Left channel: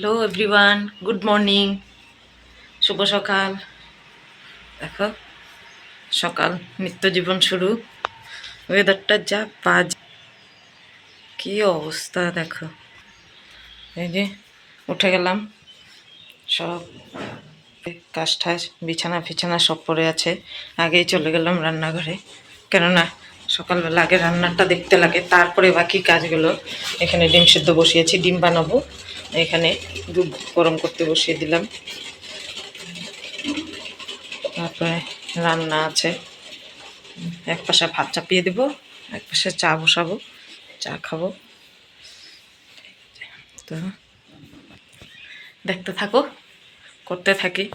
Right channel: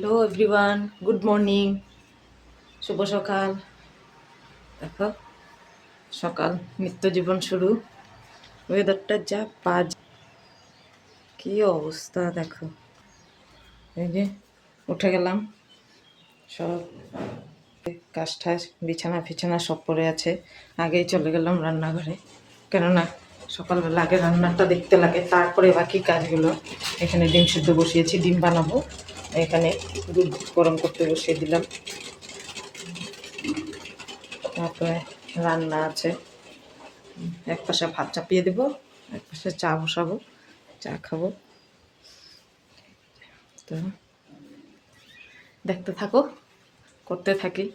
Hello everyone, good morning, শুভ সকাল। দেখো সকাল, নিত্য জীবন শুরু। ওয়েদারটা যা বাজ, কি অবস্থা দেখো। এই যে উঠে গেলাম, সব কাজ ঠাস বিছানা ফিছানা সব পড়ে আছে। আগেই চলে গেলাম রান্নাঘরে, কেননা সকালবেলা আগে রান্নাটা দেখতে লাগে, তারপরে বাকি কাজগুলো। এখানে ডিম সিদ্ধ বসিয়েছি, ডিম বানাবো। এখানে দুধ গরম করতে বসিয়ে দিলাম। তারপরে রান্না আছে, এক পাশে ভাত চাপিয়ে দেবো, এক পাশে চা বসাবো, চা খাবো। তো দেখতে থাকো, করতে থাকি।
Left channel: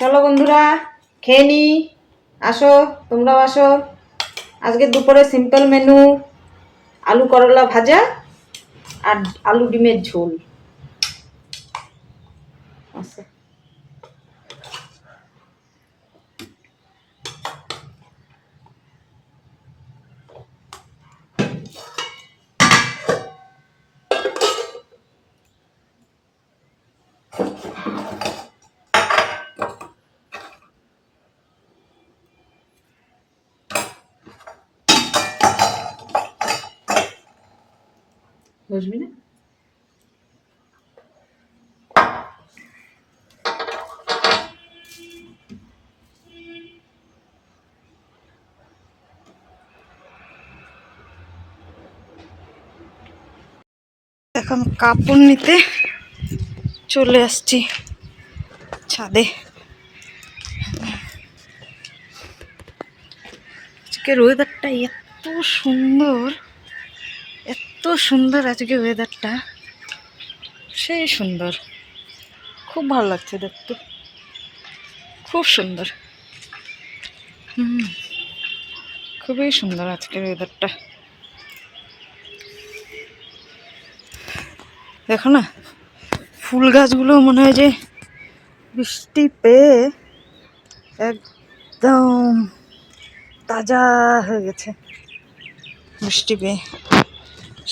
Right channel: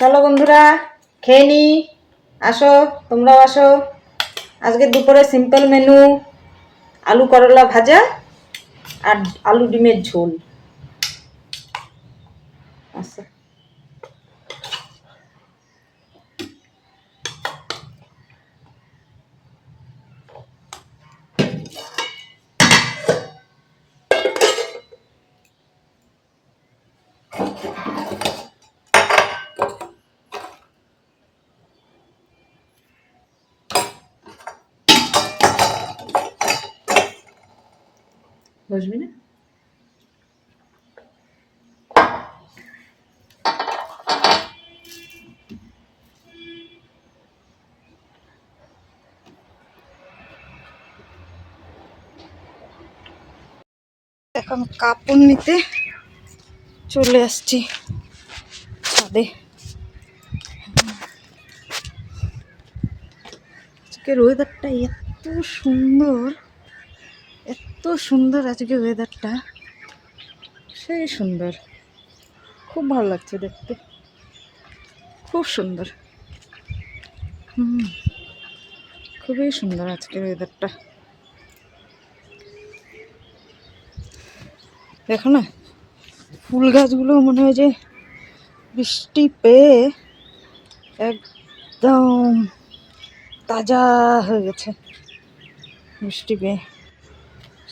চলো বন্ধুরা, খেয়ে নি, আসো, তোমরাও আসো। আজকে দুপুরে সিম্পল মেনু, আলু করলা ভাজা আর আলু ডিমের ঝোল। আচ্ছা, বুঝবি না? এখন কাপড় নিতে চলে আসছি ছাদে। আজকের ওয়েদারটা এত সুন্দর, এত সুন্দর আজকে ওয়েদারটা, সেই সুন্দর, খুব ভালো লাগছে দেখতে, খুব সুন্দর। খুবই সুন্দর আজকের ওয়েদারটা। দেখো না, ফুল গাছগুলো মনে হয় যে বৃষ্টি পেয়ে একদম তাজা হয়ে গেছে। বৃষ্টি পেয়ে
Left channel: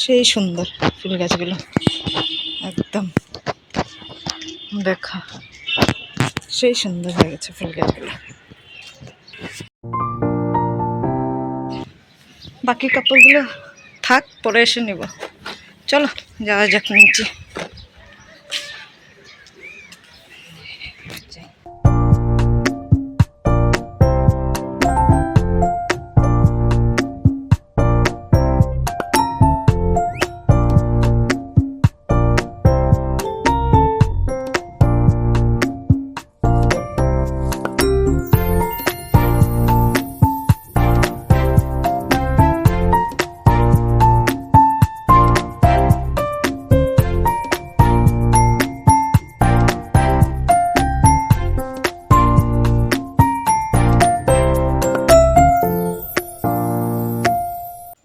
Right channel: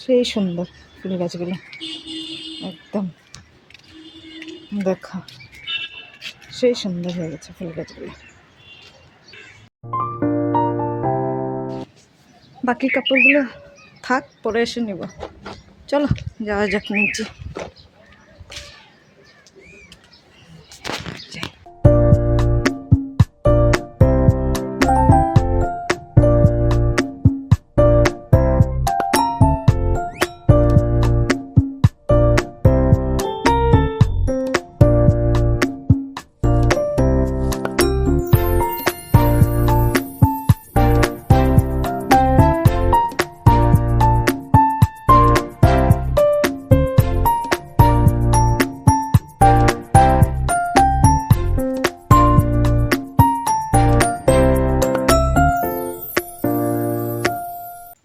সেই সুন্দর ফুল গাছগুলো, একদম দেখা সেই সুন্দর হয়ে গেছে ফুল গাছগুলো। বাকি কাপড়গুলো থাক, পরে এসে নেব। চলো যাওয়া যাক নিচে।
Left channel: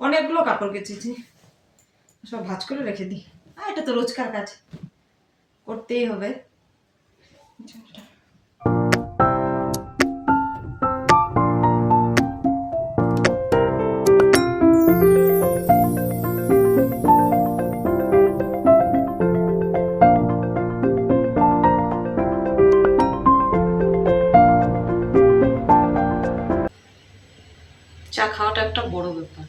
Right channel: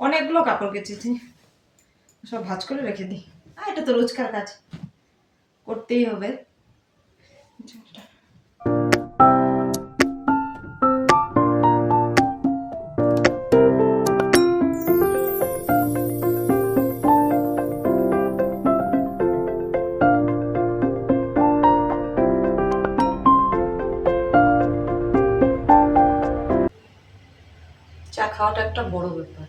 অনেকগুলো কাপড় কেচেছি, সব ভাঁজ করে রেখে দিই। আর এটা তো রোজকার কাজ, করতেই হবে। চা খাওয়াটা একটা বড় ব্যাপার,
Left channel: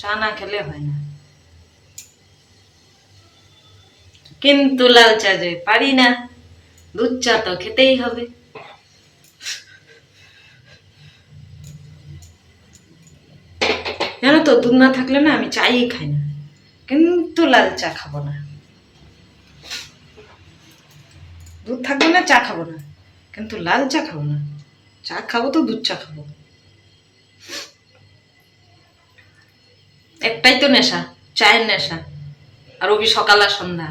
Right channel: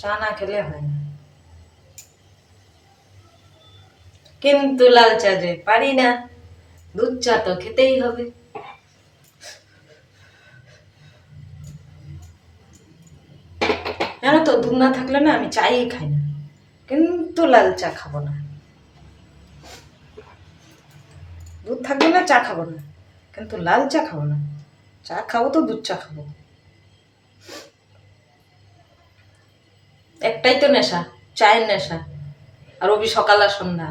চা না খেলে হয় না। কিন্তু লাল চা যে পারি না, দুধ চা তো খেতেই হবে। জানো তো, দুধ না থাকলে না আমি চাই খাই না, কিন্তু লাল চা খাবো না। দুধ থাকবে না চা খাবো না, কিন্তু লাল চা খাবো না। চা খাবো তো দুধ চা খাবো। একটাই তো নেশা, চায়ের নেশা, আর ওবি সকাল আর সন্ধ্যা,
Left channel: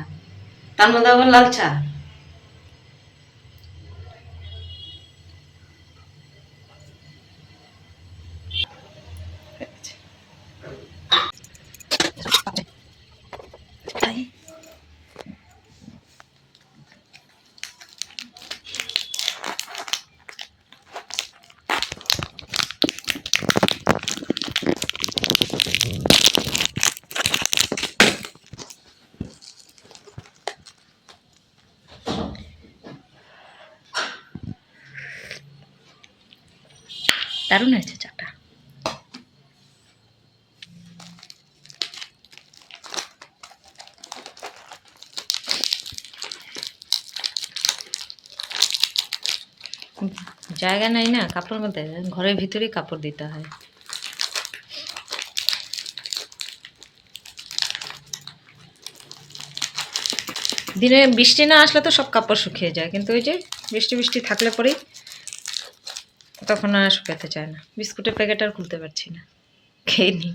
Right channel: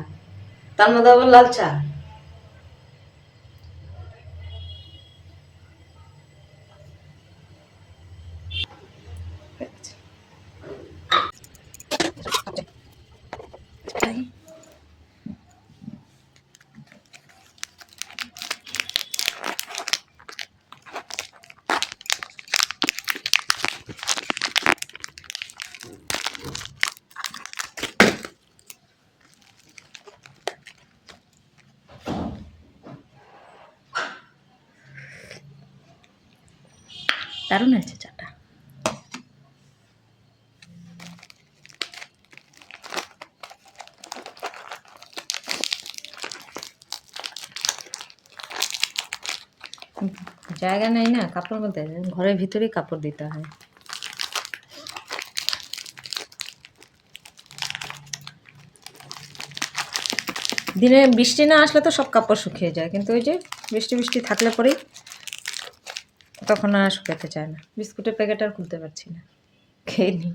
তার মধ্যে আবার লাল চা। দারুণ হয়েছে চাটা। জায়গা নাই না কাপড় মধ্যে, ঘরের ভিতরেই কাপড় দিতে হয়। দিনে বৃষ্টি না আসলে তো সব কাপড় শুকিয়ে যায়, কিন্তু ওই যে বৃষ্টি বৃষ্টি থাকলে পরেই তখন আর শুকাতে চায় না। বিস্কুটের প্যাকেট আর খুলতে পারছি না, খেয়ে নিই।